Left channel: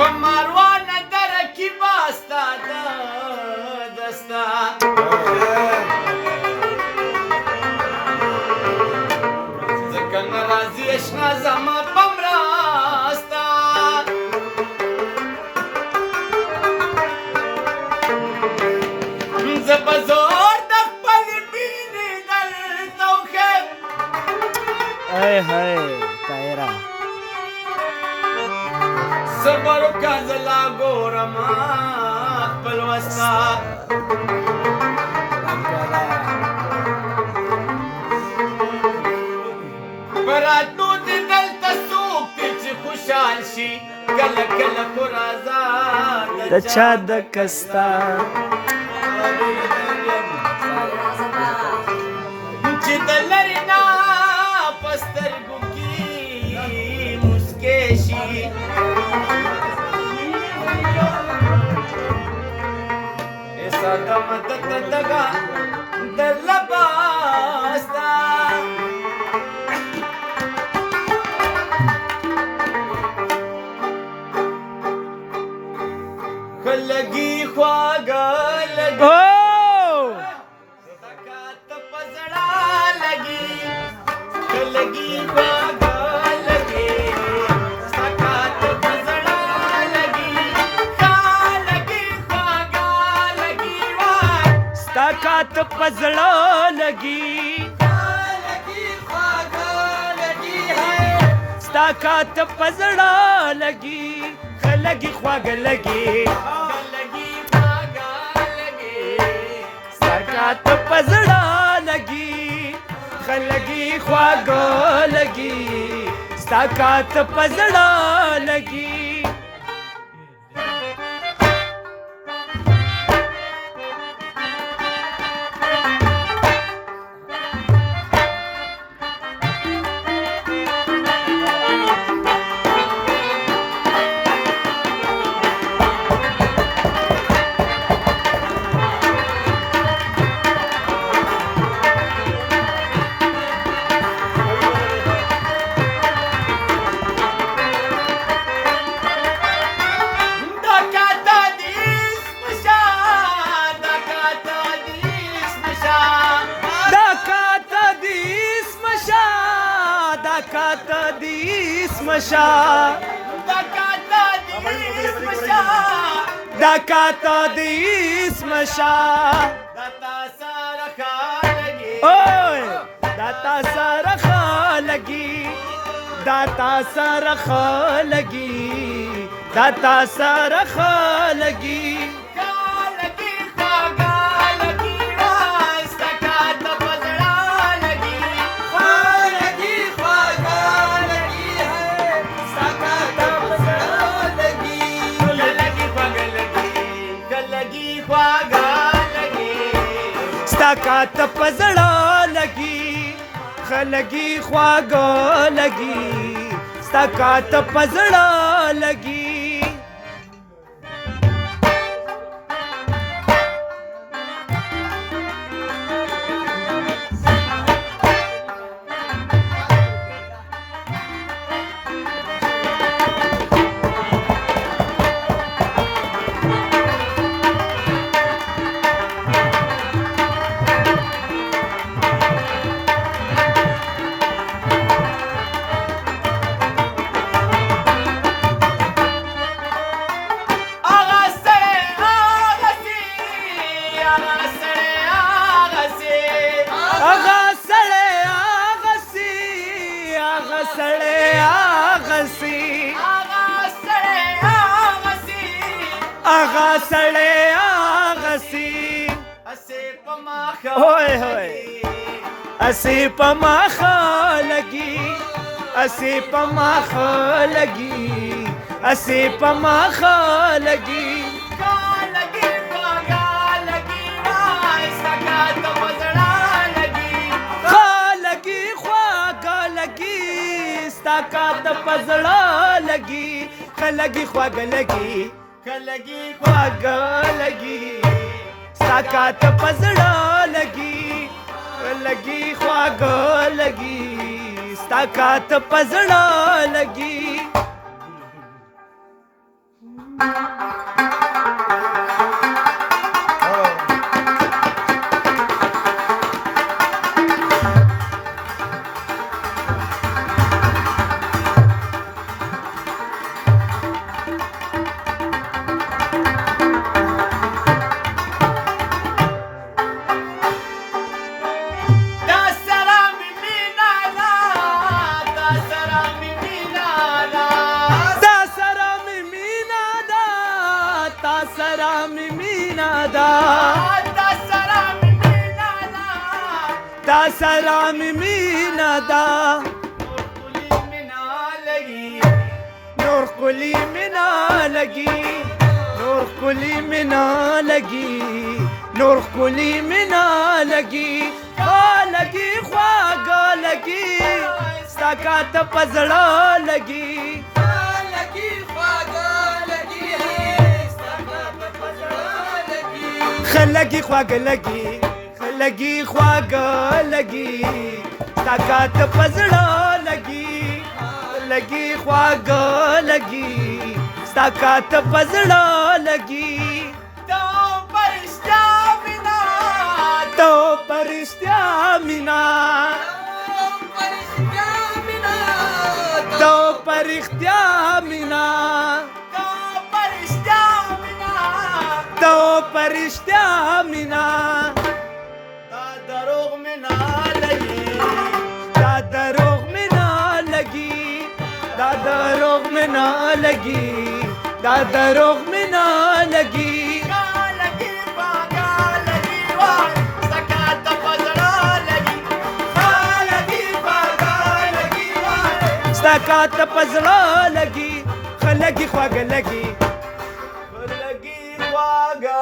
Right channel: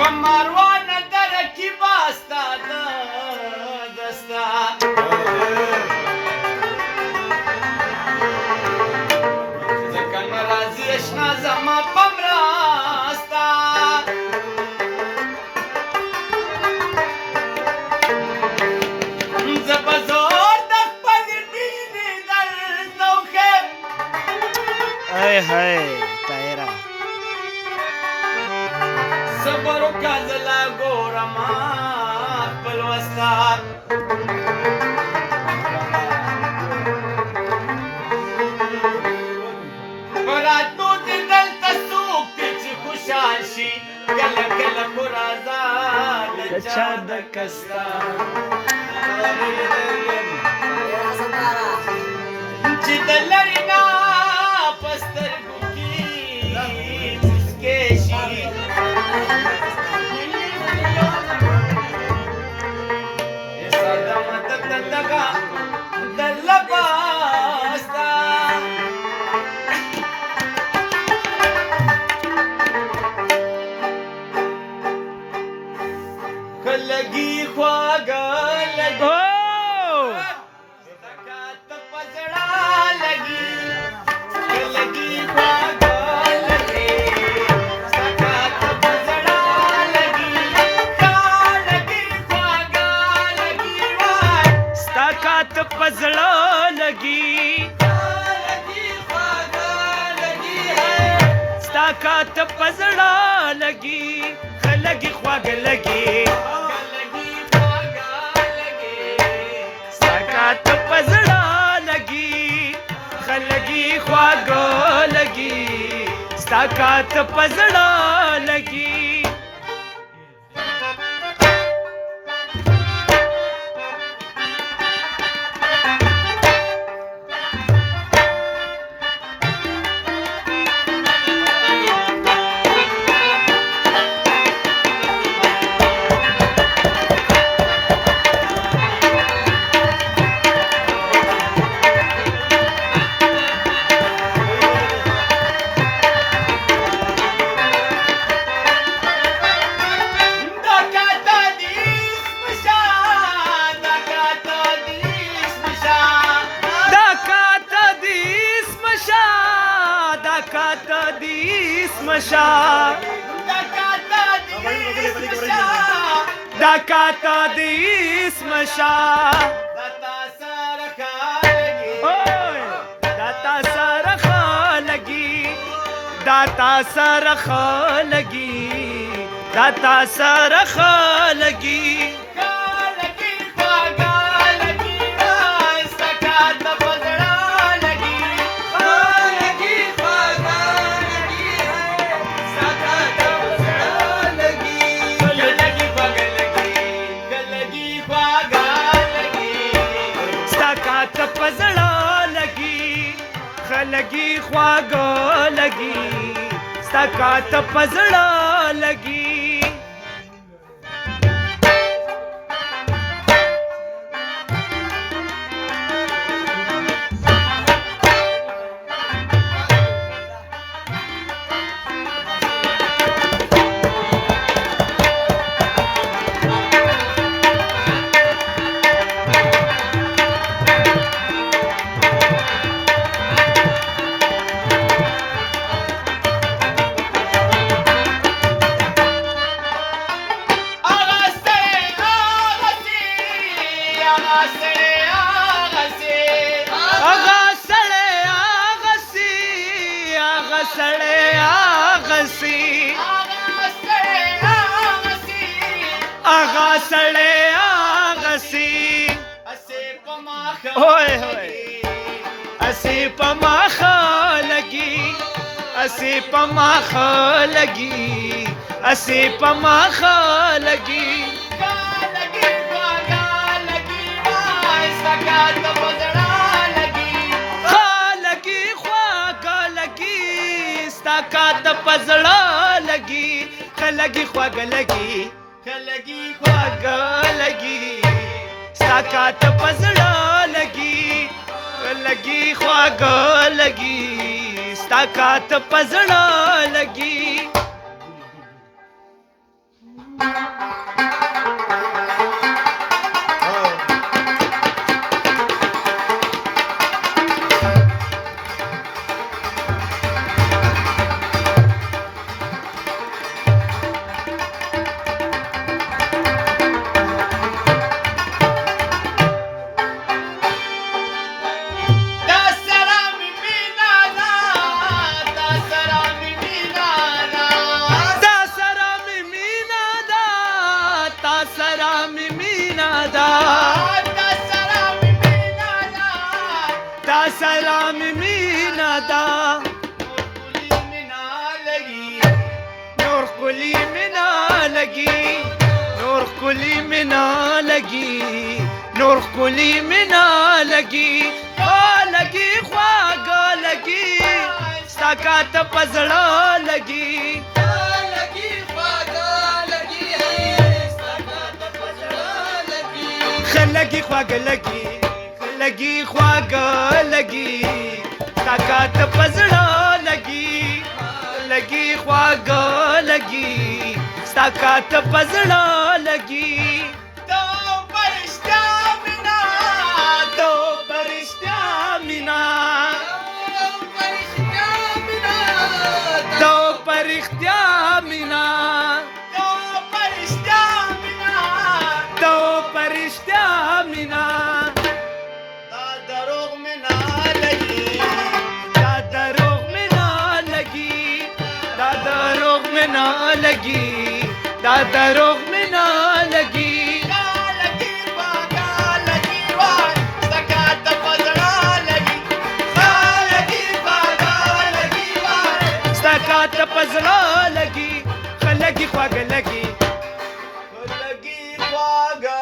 په ماروانه دره کې به ستا دستا ځکه نه راځي اشنا زما په مرسته زه به زور د خپل مینې درته وښیم ای هی طاهره صبر وکړه زه لا ګورم خپل وستا په راتلو دې دلته څوک دی چې خوشحال شي کله کله خو راځه د چا د کستا چې د لرې نه په سترګو کې مسکې شي دغه در لباستا لګي خواږه لګي سکات په زړه لګي لګي خواږه لګي سکات په زړه لګي لګي خواږه لګي طاقت پزړه لګي طاقت پزړه لګي خلګي خواږ لګي طاقت پزړه لګي خلګي خواږ لګي طاقت پزړه لګي دکات دیس مشا دکات دیس مشا داتا سرخ لگی داتا سرخ لگی داتا سرخ لگی طاقت پزړه لګي خلګي خواږ لګي طاقت پزړه لګي سړی آغسی آغا سړی آغسی ہوئے ہوئے اسی پماخ لگی اسی پماخ لگی اسی پماخ لگی طاقت پزړه لګي خلګي خواږ لګي خلګي خواږ لګي طاقت پزړه لګي خلګي خواږ لګي طاقت پزړه لګي سره مې مینا ده تا سره مې مینا ده تا سره مې مینا ده نور ښکلي مې نه لګي نور ښکلي مې نه لګي نور ښکلي مې نه لګي ښه لګي خواږه لګي ستا کاته په زړه لګي ښه لګي خواږه لګي ښه لګي خواږه لګي ستا کاته په زړه لګي لګي خواږه لګي ستا کاته په زړه لګي تو پرشتیا مینا تو پرشتیا مینا تو پرشتیا مینا تو پرشتیا مینا تو پرشتیا مینا تا دروغ مې نه لګي دا دروغ مې نه لګي دا دروغ مې نه لګي دا دروغ مې نه لګي لګي باګا لګي وای سکاته په زړه لګي لګي باګا لګي وای ستا کاته په زړه لګي ښه لګي خواږه لګي لګي واګا